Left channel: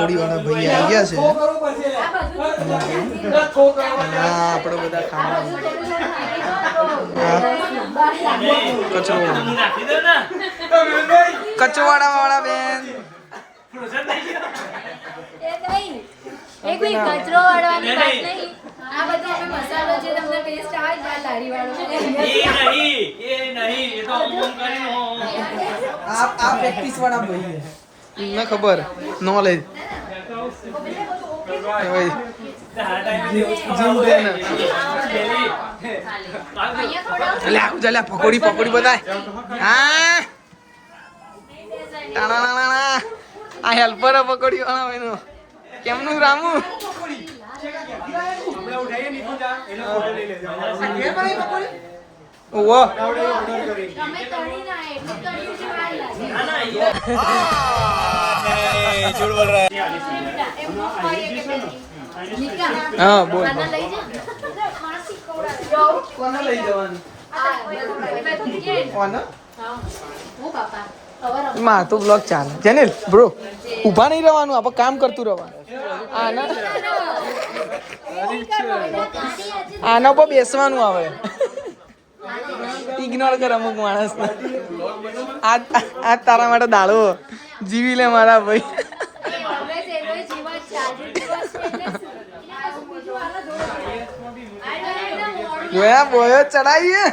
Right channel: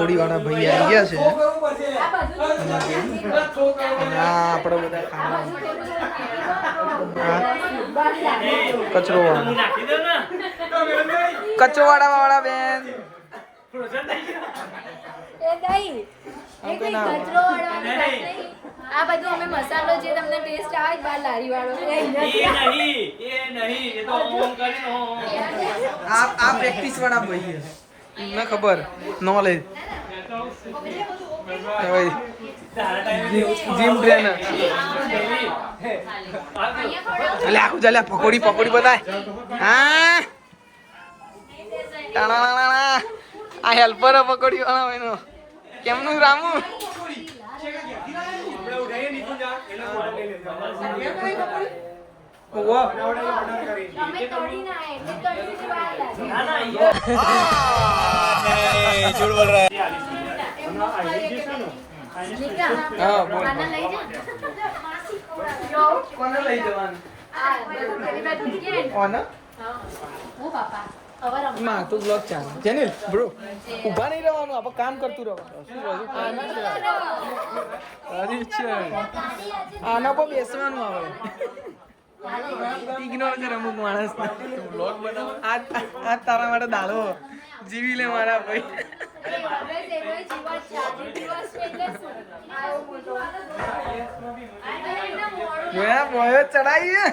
પકોડી વાળા ભાઈ આવી ગયા છે અને આપણે બધા ખાવા કચરો કચવાડા વાળા બેન આ બધું અમે મસાલો જે તમને ટેસ્ટ આવે બાર લારી વાળો એ નહીં એ તો ઓમ કરીને આ પ્રેક્ટિસ વાળા ભાઈ મને ખબર નોલેજ જીમ ટ્રેનર એટલે આખું ચાલે પકોડી પકોડી બતાય હા ટાણા આ હેલ્પર પકોડી વાળા એનો કેમનું રામુ ઓવો झूठ बोल रहा है हाँ बोल કોને લઈ જવાનું કોને માં તો બ્લોગ ચાલે જેનિલ બ્રો ઊભા નહીં રહેવાનું આપણે કામ કરતું રહેવાનું આના પર બેસવાનું આવે ઇગ્નોર કર અમુક માણસને આ તારા માટે દાડો જીવી લે મારા ભાઈ જોયા બોયો ચડાઈએ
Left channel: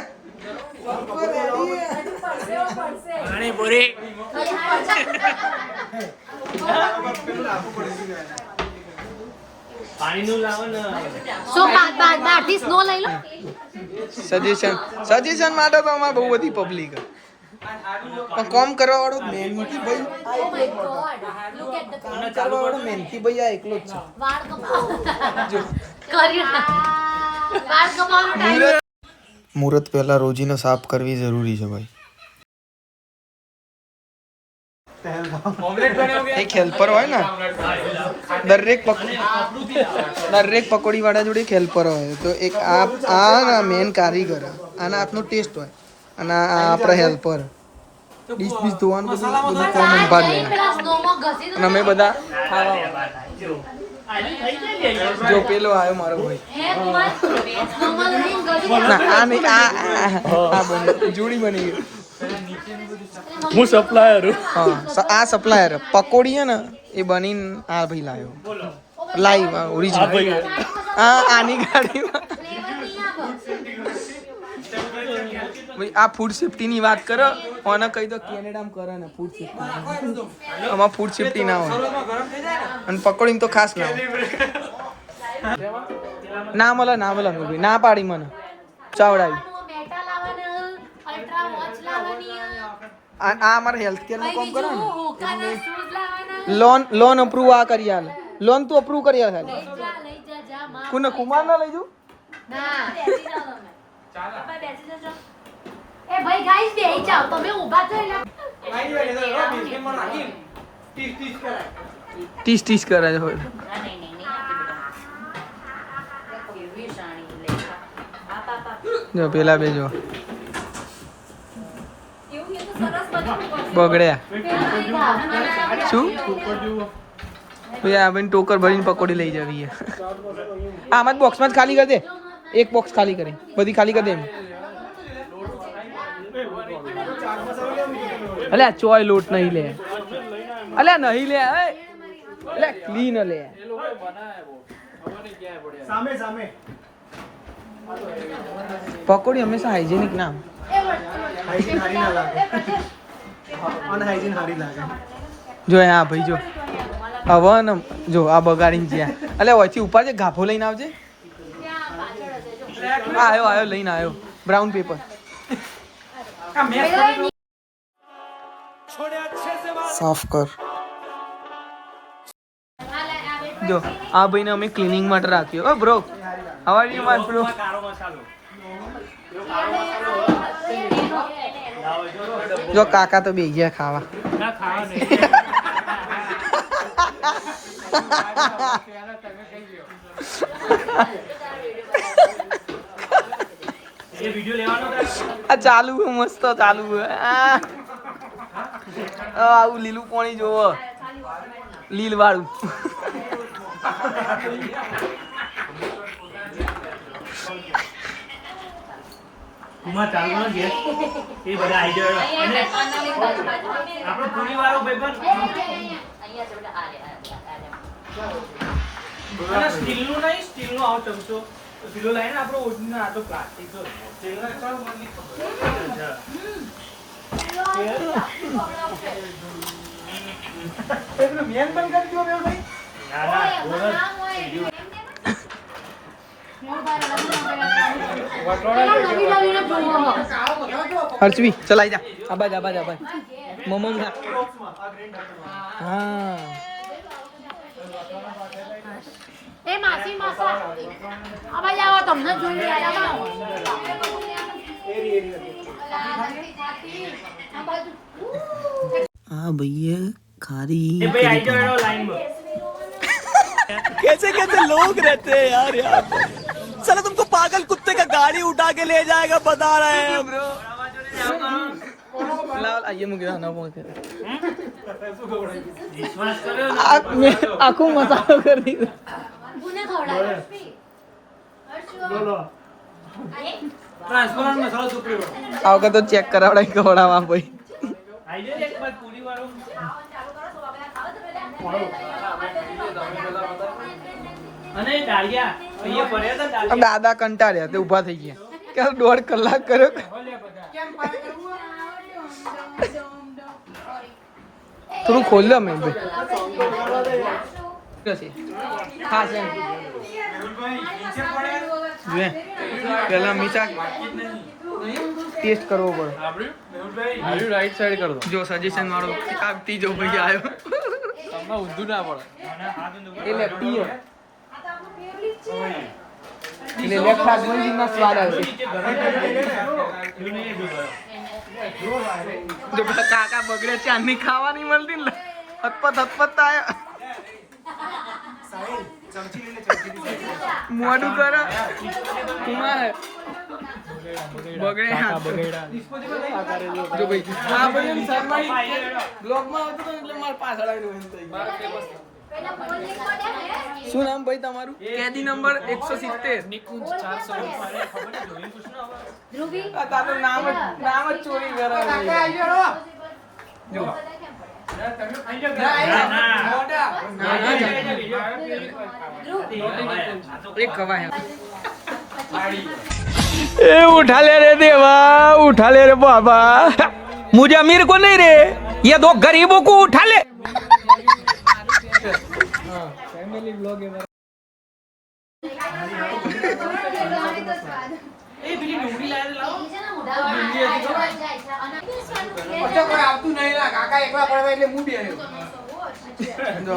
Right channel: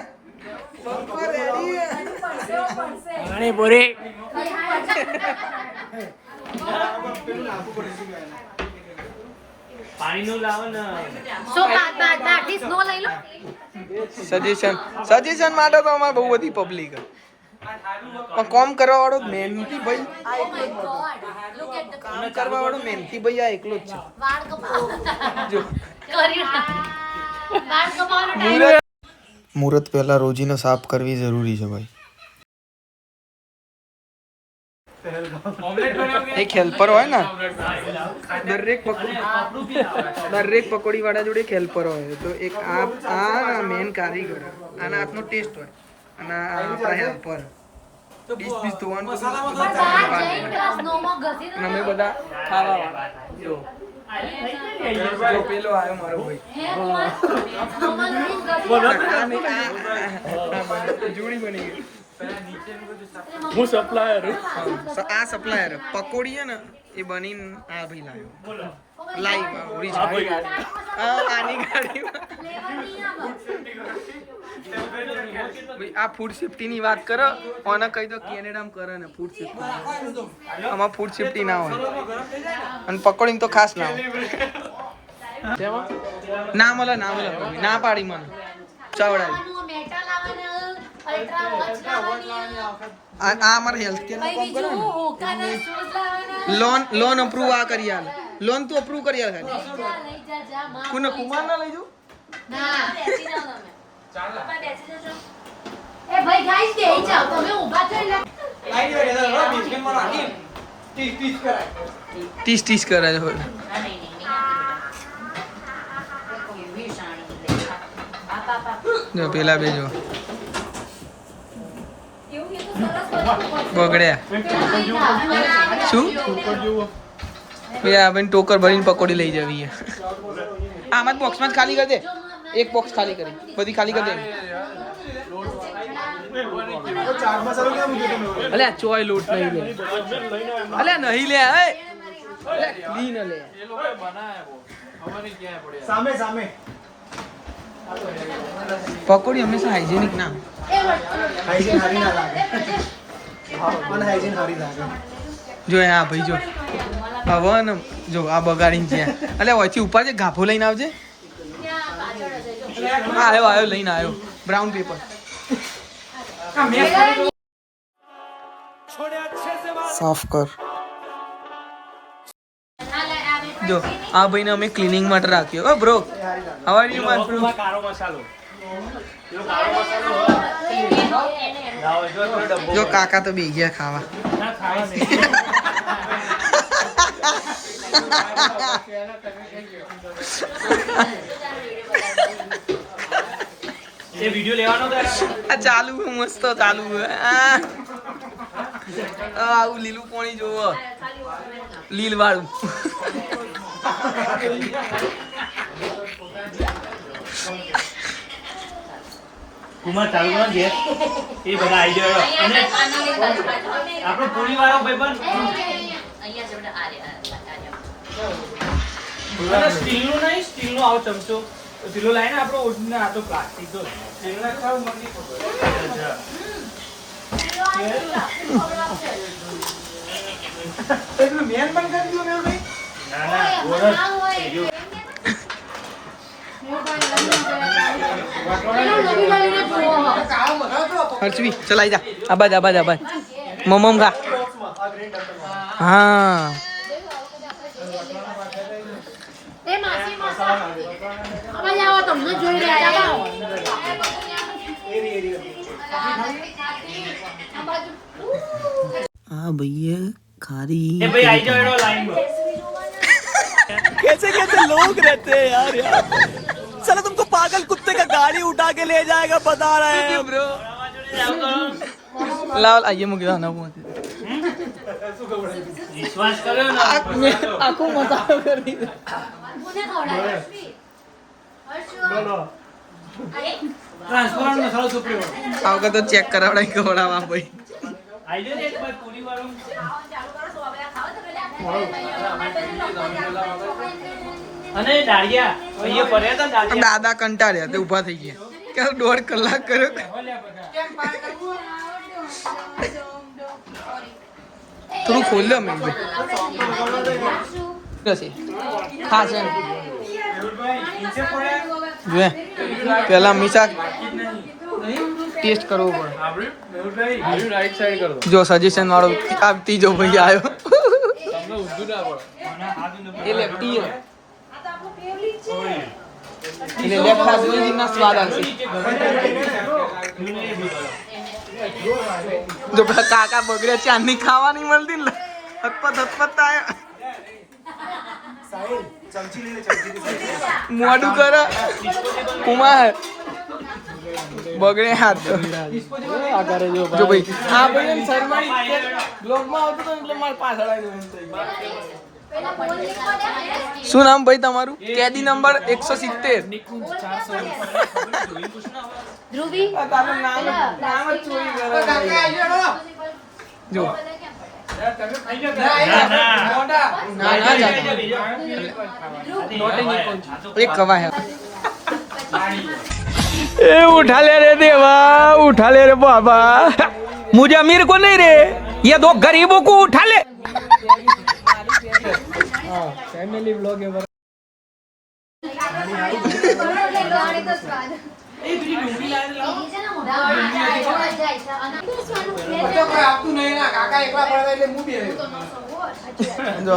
પાણીનું લાવો ને સજેશન માટે તો અમારે બહુ બધી પબ્લિક પણ કોમ કરવા વાળો મહેનતી ભાઈ આ એકલો જ કામ કરવા વાળો મહેનતી ભાઈ આ એકલો જ છે મુહૂર્ત પહેલા રોજીને સાફ કરવી જરૂરી છે ભાઈ એક હેલ્પર હોય ને દરેક પકોડી વાળા જોડે એક હેલ્પર હોય તો એક આ મેન કારીગર આના હાથનો ટેસ્ટ હોય અને આ આપણા હેલ્પર ડીશ બીશ ધોવાનું ભાગ લે અને અમે બધા ખાવા જો પેલો આવ્યો મારો ભાઈ જોડી બની ગઈ હું સપ્લાયર હા આ સપ્લાયર પકોડી છે ને એ બનીને આ ભાઈ લાવ્યો લાઈવ ઓરિજિનલ આની ગાડીમાં ભાઈ આ ફૂડ સેફ્ટી ની વાત કરો ઓને કહી દો કેનેડામાં કરે ને ફૂડ સેફ્ટી આમાં ફૂડ સેફ્ટી ના હોય અને પકોડી તો ખાસ ના હોય ના મળે ના પાડી મને ચાવડાવી આ અમારે હેલ્થ કેર નું કામ કરો ને લોન અપ્રૂવ આ કરી આલ લોન તું અપ્રૂવ કરી આલ ખાલી કોને કુમાર ના લઈ જાઉં એ ભાઈ ગાઈસ બેહી જાવ તમે ઊભા છો એટલે 30 કરે છે હોય જો પેલા બે જો બગડ્યા શું ભાઈ આ બેન ટોકર ભરીને પકોડી લઈ જવી આમાં જ બોક્સમાં જ ખાલી કરી દે એક બોક્સ ખાલી કરી બધી ખાલી કરી દે અલ્યા ચોય લોટ નહીં લે અલ્યા નહીં લે ક્લીન લે સામે પકોડી હંમેશા હાઇજેનિક ના જો આ ભાઈ જો હવે ને જો આ બગાડીને જ્યાં અલ્યા ઓછી ઉપર છે ગાભો લઈને આવજે આવ્યો લઈને આવ્યો બ્રાઉન પેપર સાફ કર જો આ ભાઈને અમે ક્લીનિંગ માટે રાખ્યો oh bro how are you my bro જો કાકા તો બે ગયા ખાવા ये वीडियो लेવાનો તો આ ચાલુ મસ્ત ચાલુ આવું લીલું પાણી જોવો લીલ વાળું. કુમાર ચાલુ કરો ગેસ એ બધા આઈડિયા અને આપણો પૂરી વાળો ભાઈબંધ અને સ્ટીલનું નહીં સ્ટીલનો આવો ચમચો સ્ટીલનો લાઈને આપણો ઓરિજિનલ આ તો પ્લાસ્ટિક તો સ્ટીલના ખાવ મને નહીં ખબર એટલું મેન બંધ કરી દો મેલ ભાઈ. ના ના બોરસ હર્ષવી ચલાઈ જા આબાજ આબાજ આબાજ મમમ ખા. હા એ માસી માસા અમારે આવો તમને જોઈ રહ્યા આ ભૈયા ખારી એ ભાઈ આઈ જાવ લાઈનમાં कैसे कैसे लोग रहते हैं यार यहाँ पे साला तुमको पागल कुत्ते का गाड़ी उठा के ले जाएगा बता रहे हैं ब्रो લાવ આઈએ મૂકી દો ના મૂકી વિશ્વાસ કર્યો ને આખો મસાલો કરી દીધો. ટ્રાન્સફરનો મસાલો સુપ્રીમ આ વખત તો ચેક કરાવડાય ખવડાવવા ભાઈ. આઈ જાય એક બાર પૂરી વાળો અને ડાળિયા અહીંયા પડ્યા હતા આ ડાળિયા દાદા કંટાળ્યા તે ઊભા થઈ ગયા કે 1.5 કલાક કર્યો. થોડું ખોલ દો મેં ભાઈ. હા છે ને જોએ પેલા મીઠા ટેસ્ટ કરવો પડે. જો સજેશન વાળો આ ત્રીજો ભાઈ આવ્યો એ લેફ્ટી એટલે લેફ્ટ હાથમાં જ ના સ્વાદ આવશે. જો પેલા કાકા બગડ્યા ચાંદની ખાવા નહીં મળતી ને હતપત હતપત આયા મોઢું કર કુમાર બગડે હાથ. જો ભાઈ આ ભાઈ શર્માઈ બ્લોગમાં આવતો તો એટલે મારે પાછળ આવ્યું. શું નામ ભાઈ તમારું? કેદી નંબર 170. ધ્રુવી તારું નામ જ ચોરી કરે જો ના ના એક કવા હે ए उठा ले रे देवा उठा ले रे बाबा मुझे अमीर को नहीं रे ये दो गरीबों को उठा ले ફેમિલી બ્લોગ એ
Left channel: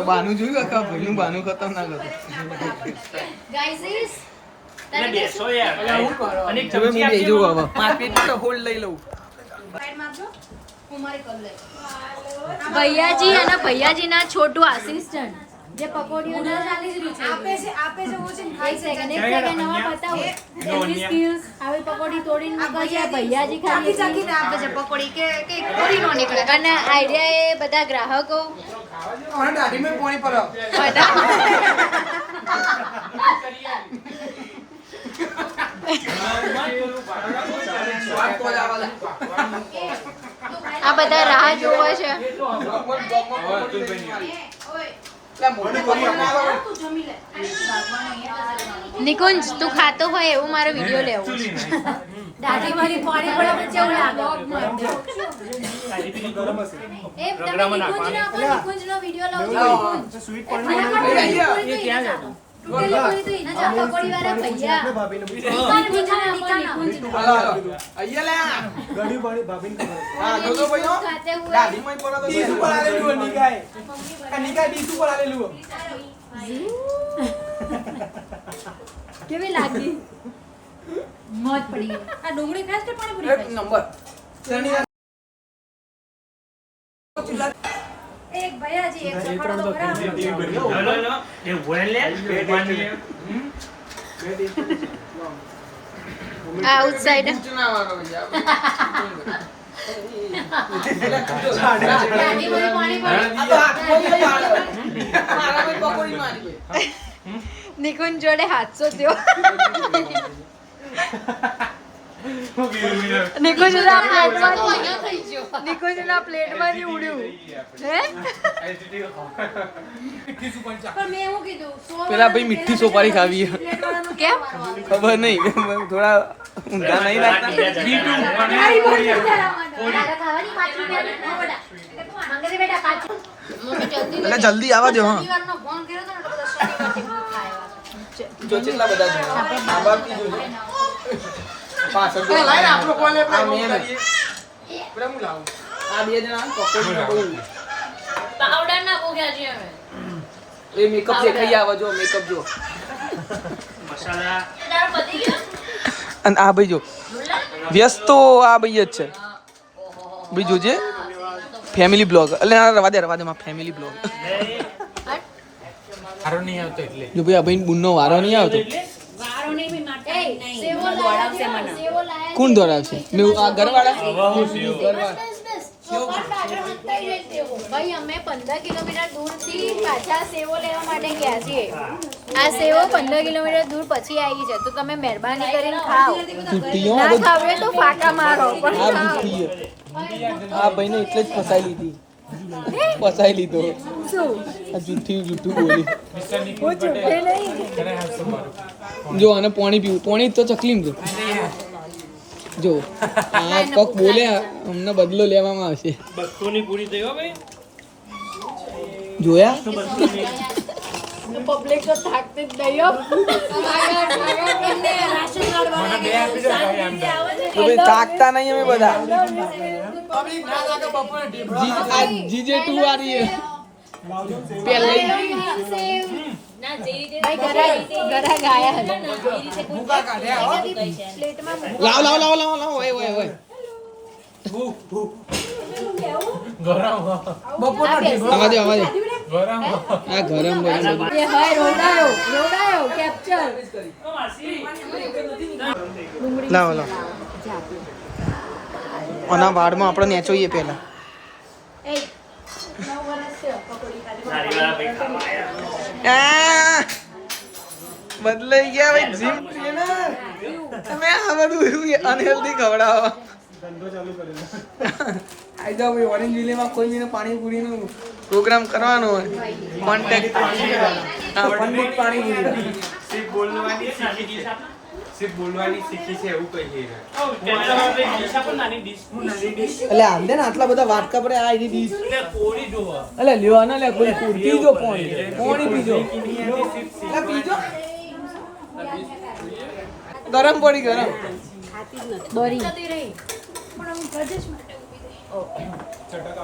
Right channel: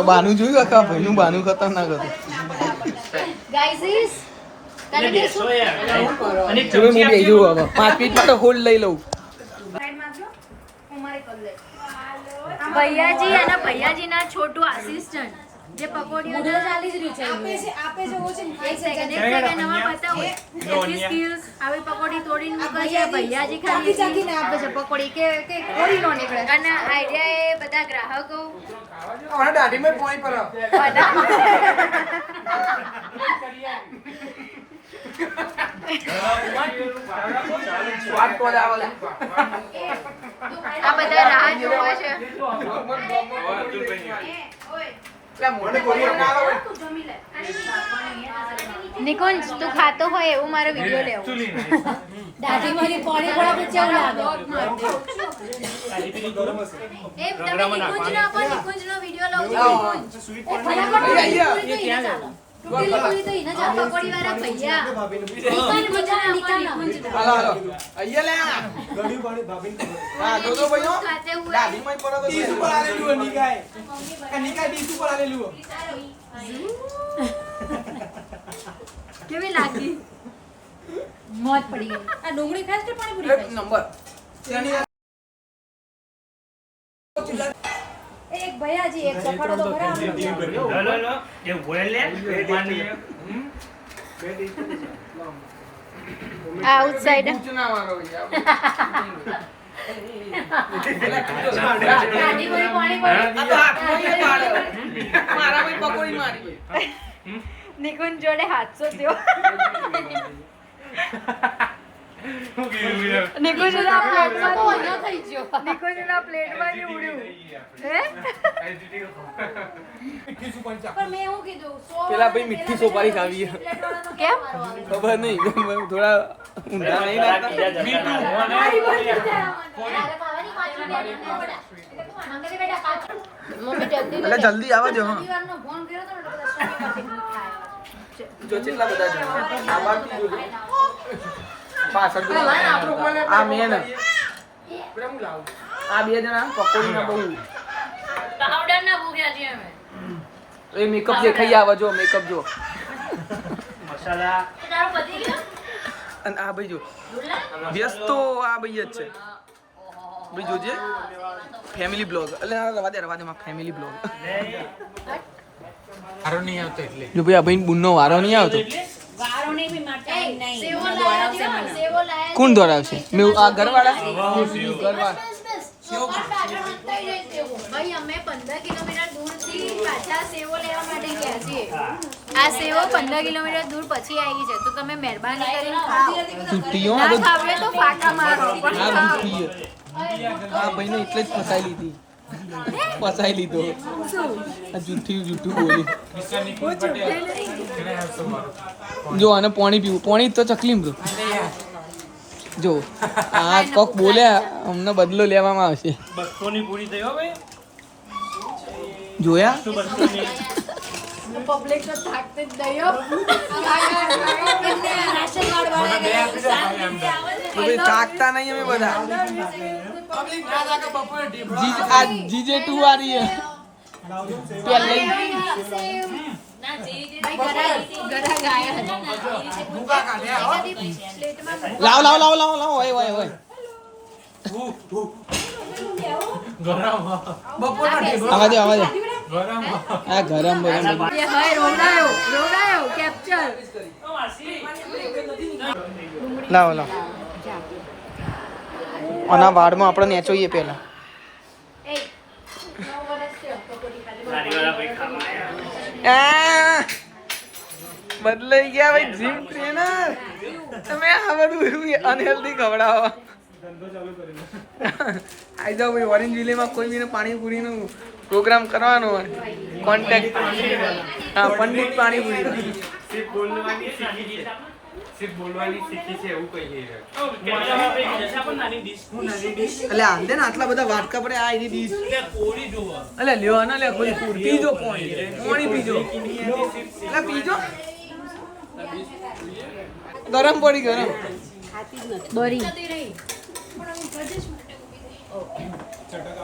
બાનું જોયું કાકા ભાઈ નું બાનું ખતરનાક હતું. ગાઈઝ તને ગેસો યાર અને ચલો હું બેસી જવું હવે 5 મિનિટ તો હોલ્ડ લઈ લઉં. ભૈયાજી અને ભૈયાજીના છોટું આસિસ્ટન્ટ જે પકોડીઓના ચાલી જ રહી છે આપે છે વો છે એક સેકન્ડ નવા બતાવો એની સ્કિલ્સ આવી પકોડી તોડીને મૂકે છે ભૈયાજી ખાલી ચાખીને આપે છે પકોડી કે કોરી નો નીકળે અને આઈડિયા એ બધા ગ્રાહકો હમણાં દાઢીમાં પાણી પર આ બધા રાહ જોવે છે નિકુંજ તું ખાતો હોય એવું મારો વિડિયો લેવો દાદી મારી પાણી પડા બચ્ચા બ્લોગ માં એ તમે નિકુંજનો વિડિયો લઉં છું તૂટેલી પૂરી તો ઇના જા પકોડી વાળા ભૈયા અહીંયા લે ગડી બાડી ભાભીને હા જો તો ભાઈઓ દાઢીમાં પડો તો ડીશ ઉપર આલેલું નિકાય ડીશ ઉપર આલેલું કેવી લાગી મોજ પડી ગઈ આ ડુંગળી ખાસ કે પાણીપુરી એક નંબર એક ભૈયાજી એક સફાળો તો લો લો એ બોલ લે આઉટસાઇડ પાણીપુરી પાણી નિકુંજ જોડે 700 થયો. નિકુંજના પ્લેટમાંથી ઉડ્યું. હે પેલા ભાઈ મીઠી સોપારી ખાવી કેમ ખબર નહીં થોડા ઊંધા નહીં લાગતા એટલે જલ્દી આવવા જો હા જો કેટલા બધા જણા આ બાકી જોજો પાછળ જો આ મેન આ બે જણા પકોડી બહુ પાવડર ના ભૂખ્યા છીએ અમે. એ મેકઅપ જે ખાઈ આવા જો મેકઅપ જો મસાલા તારો પતિ ગયો અને આ ભાઈ જો વ્યસ્ત તો આ ભાઈ જ છે ભાઈ જોજે ફેમિલી બ્લોગ એટલે રવા દે માં ફેમિલી બ્લોગ સારો નહીં આવતો એટલે જો ભાઈ આ ભાઈ બુનનો વારો નહીં આવતો વારો નહીં મે માટે સેવો દોડાવશે મને સેવો લાયા કોણ દોડાવશે મેં આ ઘરવાળા ભાઈ અમે 15 કિલોમીટર દૂરથી પાછા સેવો લેવા માટે ગયા છીએ. આ સેવો 15 કિલોમીટર દૂર પછી આવી છે તો તમે મહેરબાની કરીને ખાઓ. જુઠ્ઠીઓ ના ખાવે તો ફાટા મારો પણ આ ખાઓ. જુઠ્ઠી આ ભાઈને એટલે જ ફસાઈ લીધી ફસાઈ લીધો શું આ જુઠ્ઠું બોલી હું જુઠ્ઠે નહીં. જો આને પાણી પીવું પાણી તો ચકલીમ જો જો આ કોક બોલ્યા અમને બદલો લેવામાં આવશે બસ્તોની પૂરી થઈ હો ભાઈ જોયા પબ્લિક તો થાકતી જ નહીં હો. રાશન કાર્ડ વાળા તો ભાઈ તાકતા નહીં અમે બધા આ જીજે 2 વાળી હે પહેલા ભાઈ ગરા ગાયા હતા. પ્લેટમાં લાવ ઓય ગરમ આવા દે ગરમ આ ગરમ એ ભાઈ રોડાયો કેપ્ચર. લાવ આના વાડમાં આપણે નેચોઈએ પહેલા એ 9 વર્ષ છે લારીવાળા ભાઈ ખાવા આયા બદલાઈ ગયા ભાઈ જીમ ટ્રેનર તમે આ બધું અનહેલ્ધી ખવડાવો આઈ જાઓ ભાઈ ઓરેન્જ વિલેમાં કોઈ બીને પાણીપુરીનો પ્રોગ્રામ કરવાનો હોય કોન્ટેક્ટ હા પંડિત પાણીપુરી સિર્ફ બોલવાની શીખી છે એવું કહીએ કેમેરામાં ભાઈ દિશા પણ નાની ડીશ એટલે આંધે ને આટલા બધા વાટકા પડે આ એની ડીશ એટલે કોરી જોવો એટલે લ્યો ના લે કોઈ પીજો પાણી પીજો એટલે પીજો ગરમ પડી ગરમ દોરી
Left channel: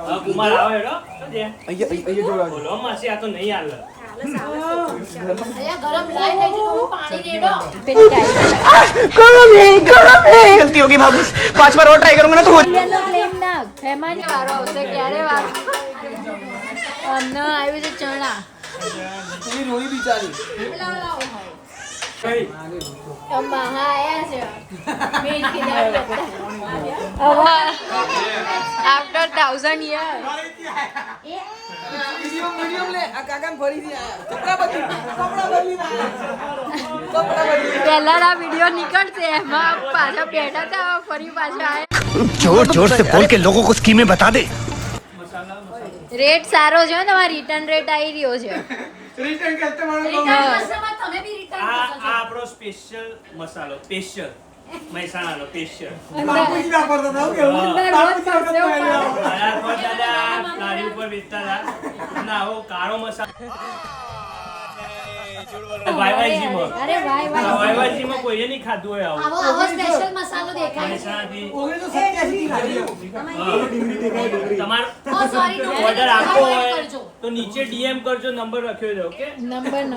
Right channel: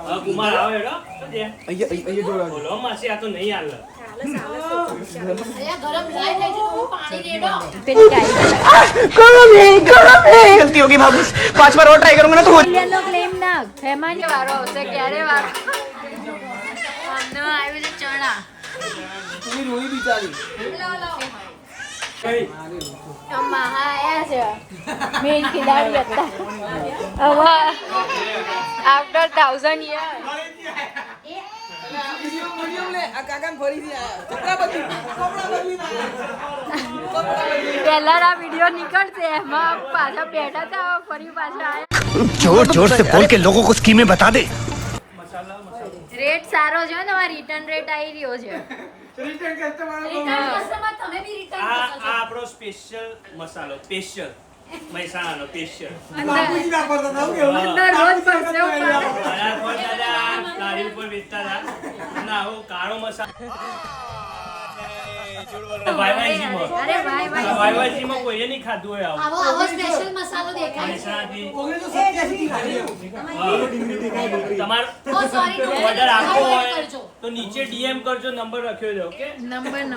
હા કુમાર આવે હેડો તો દે અહીંયા જોડાજો બોલો માસી આ તો નહીં હાલ ગરમ લાઈ થઈ તો પાણી રેડો. गलती होगी भाभी 5 बार और ट्राई करूंगा ना तो યલો ક્લેમ ના ફેમાની વારો આવશે ક્યારે વારો અમને આવ્યું છે ચણા. पूरी रोई बिचारी મહા આયા છે મેન ખીદાડી હતા હવે આફ્ટર 1000 યર मीडियम ले आ काका ने फरीથી આયા કપડા બદલી પહેલા વિડિયો નીકળશે એમાં પાછા બેઠા હતા ફરી પાછા આયા. जोर जोर से बोल के लोगों को स्कीमें बता दे રેટ સારો છે તમારો રિટર્ન રેટ આવી રહ્યો છે. રિટર્ન કસ્ટમર તમે બી રિટર્ન આ આપણો સ્પેશિયલ મસાલો સ્પેશિયલ મહેસાણાનો સ્પેશિયલ પૂછી ના પડતા થાવ કે રોજ પડશે આયા પર દાદા લારી ઉપર વેચતા હતા ના આવો કાળો મસાલો વાયવાજીમાં અરે ભાઈ વાયવાજીમાં કોઈએ નહીં ખાધું હોય આવું આવો સ્પેશિયલ મસાલો દેખાય છે. મહેસાણાથી 1987 તમારો ઓ સોરી ઓર્ડર આપવો હોય તો નીચે ડીએમ કરજો નંબર રાખ્યો છે ઓકે નંબર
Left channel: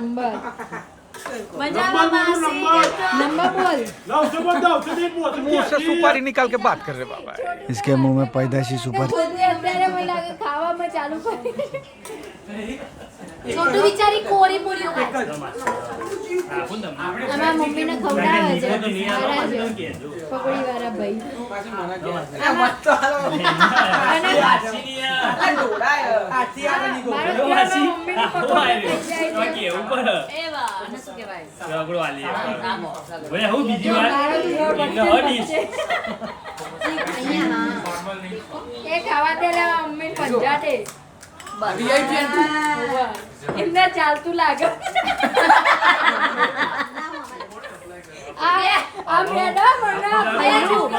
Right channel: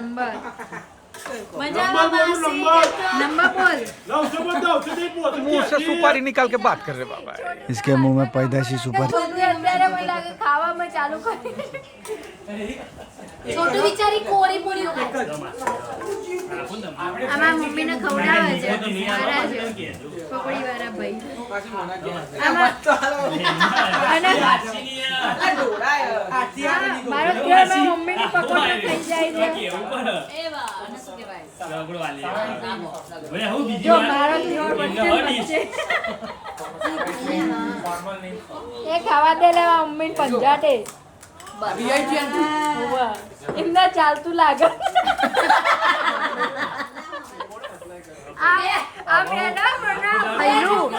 મજામાં માસી નંબર બોલ मुंह से सुपारी निकाल के बात कर रहे बाबा इसके मुंह में पैदाशी सुपारी ખાવામાં ચાલુ કરી છોટું વિચારી કોરી પૂરી આપો ને તમને. આમાં મમ્મીને ખવડાવે છે તો નહીં આપો, મારા પાછું જો. કહેજો. પકોડી વાળા ભાઈ પાછી મને કહે. આમાં અને વાસી નહીં આ. આથી આવે નહીં તો. મારો પ્રિયમાં મમ્મીની પકોડી થઈ જાય છે કેવું પડે? રગડો આલી આવે. ભાઈ, હું બીજી જો વાર મારો તો જોર એમને બનશે હડીશ. એ ખાવા દે લેવા મમ્મી પંજાટે એમને ચાલતું લાગે આ મેડમ મને ભૈરું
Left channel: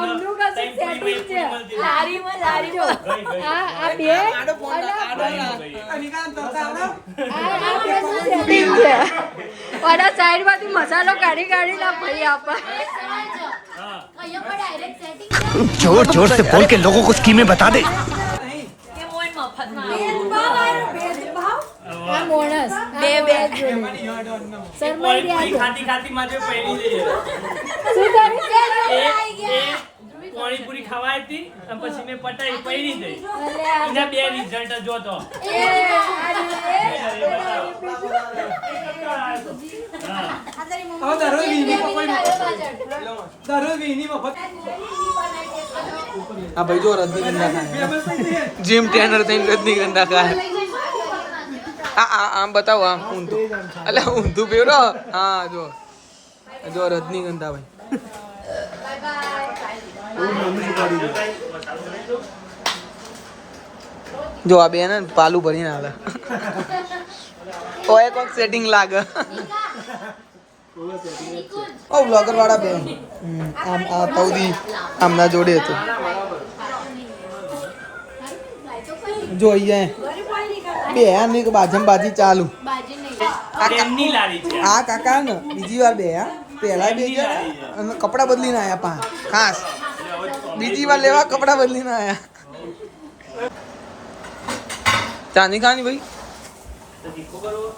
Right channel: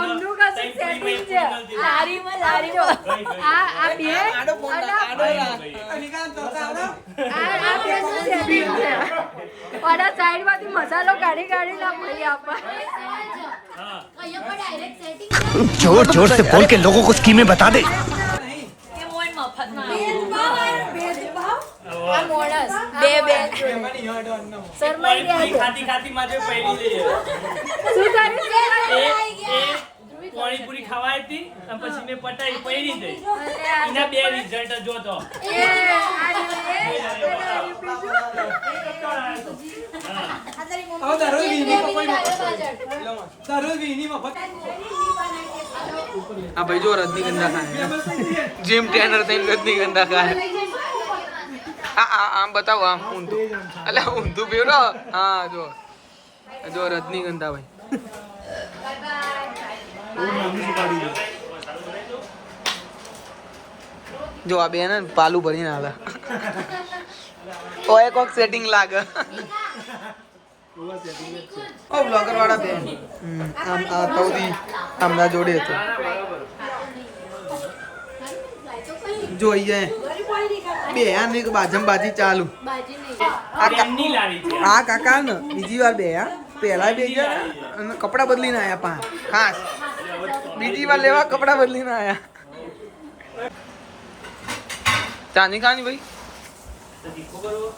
ઓમનું કશું setting છે. લારીમાં આ બે આડો ફોન આડો નિકાલ તો આવડો. આ બેનું setting છે. ઓલા સાઈડમાંથી મસાલો કાઢી કાઢી ના ભાઈ આપા હા. जोर जोर से बोल के लोगों को स्कीमें बता दे બે બે એમાંની યાડો અન્નમ. પોણી ખાતી ખાતી માથે પડી જઈએ. શું કર્યું એ પાણીપુરી ખવાય હતી અને પછી મેં પટાઈ પડી ગઈ. એના બે રિઝલ્ટ જોતો. હવે દરરોજ વીની પકોડી દરરોજ વીની મફત. આ ભાઈ જો રજનીગંધા ખાય જેમ ટેનર થઈને રજનીગંધા ખાય. આમ બતાવો આમ ઊંધું એટલે ઊંધું પેલો હા જો જો રજનીગંધા ભાઈ જો આ બેન પાલું ભરીને આવે ઓય કોક સેટિંગ લાગે ઓ બ્લોગર વાળા બેન આમ આ તૌદી આમના જોડે હતો જો અહીંયા બે આની બાજમ બાજી ચાલુ બાજી નહીં એમની લારી છે. આ કાકા ને બીજી વાર બે પહેલા બે ગયા અને કપડા બદલીને આયા પા ખાસ બીજી વાર લેવા કપડા બદલીને આયા ચાની ખાની ભાઈ તો દીકો કરવો.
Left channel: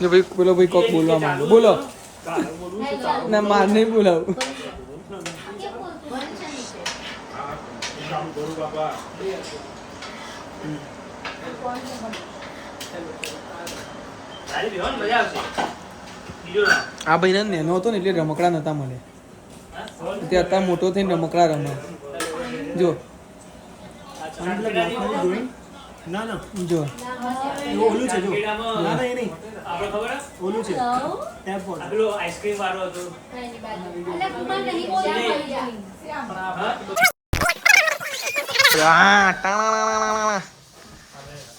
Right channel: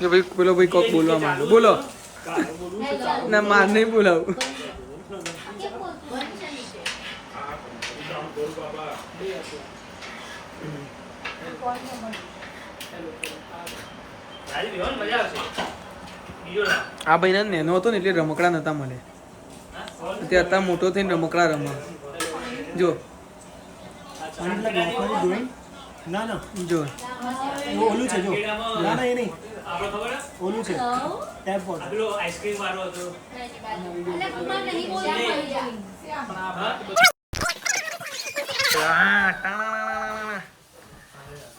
જો ભાઈ પેલો ભાઈ કોક બોલવા માંગે બોલો ના માર નહીં બોલાવું સારી બેહો ને મજા આવશે. બીજો ના. આ ભાઈ નેનો હતો ને એટલે રમકડા નતા મળે તે અત્યારે મોટો થઈને રમકડા રમે જો ના ના જો ઓલું છે જો. ના ના એ નહીં. આપણે ખબર હે? ઓલું છે. Tape board. આ પેલો આઈસ્ક્રીમ વાળો હતો.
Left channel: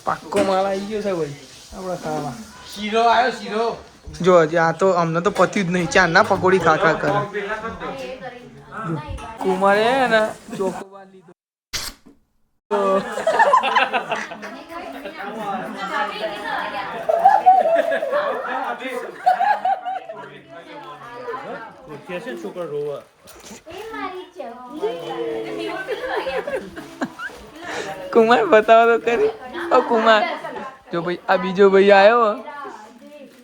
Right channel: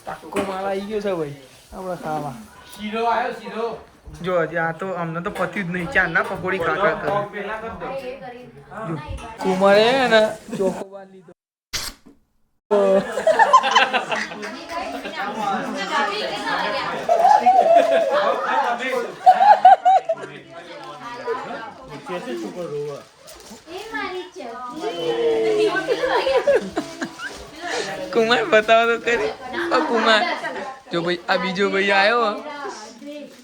પાક્કો માલ આવી ગયો છે ભાઈ આપડે ખાવા શીરો આવ્યો શીરો. જો હજી આ તો અમને તો પત્યું જ નહીં ચાંદના પકોડી ખાખા કરે કુમારે હે ને ચોકોબાર લીધો કેસે છોકરો રોવા. કુમાર બતાવો તો કરી ઓ કુમાર જો ભાઈ આ બીજો ભાઈ આવ્યો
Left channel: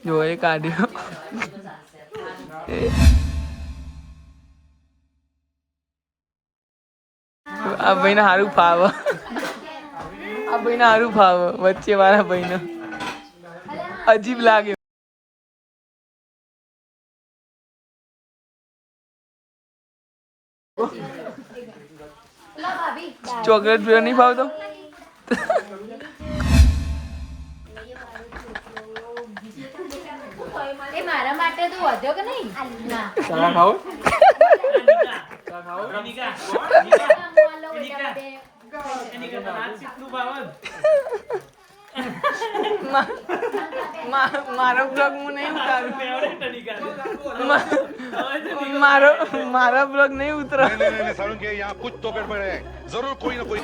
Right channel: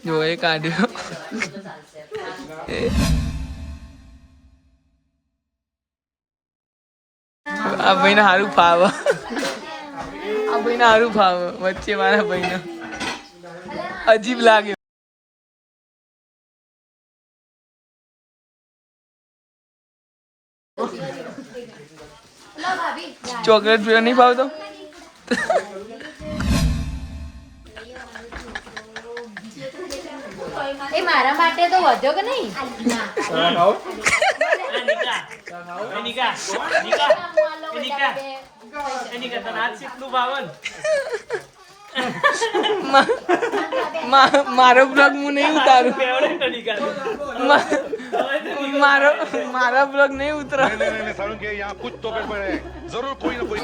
જો એ કાઢ્યો આ ભાઈને સારું ફાવે આ ભાઈને સારું ફાવે વચ્ચે મારા ભાઈને અજીબ લાગે ચોકલેટ ફ્લેવર નહીં ભાવતો એ મારા માટે તો વધ્યો કે નહીં નિકા. એની કરતા નાચ શીખનું ભાવન. મારો બ્લોગ હું નહીં ઉતારું મારો બ્લોગ નહીં ઉતરો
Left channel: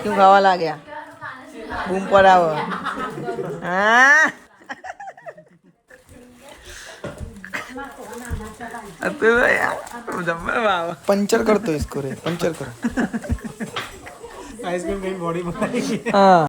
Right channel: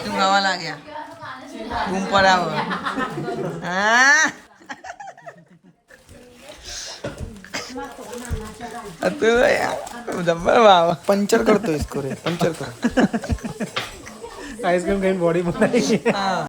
શું ખાવા લાગ્યા બૂમ પડાવો હા पंचर कर दो इसको रे पंचर करो आइसक्रीम कहीं बॉडी बनाई. हाँ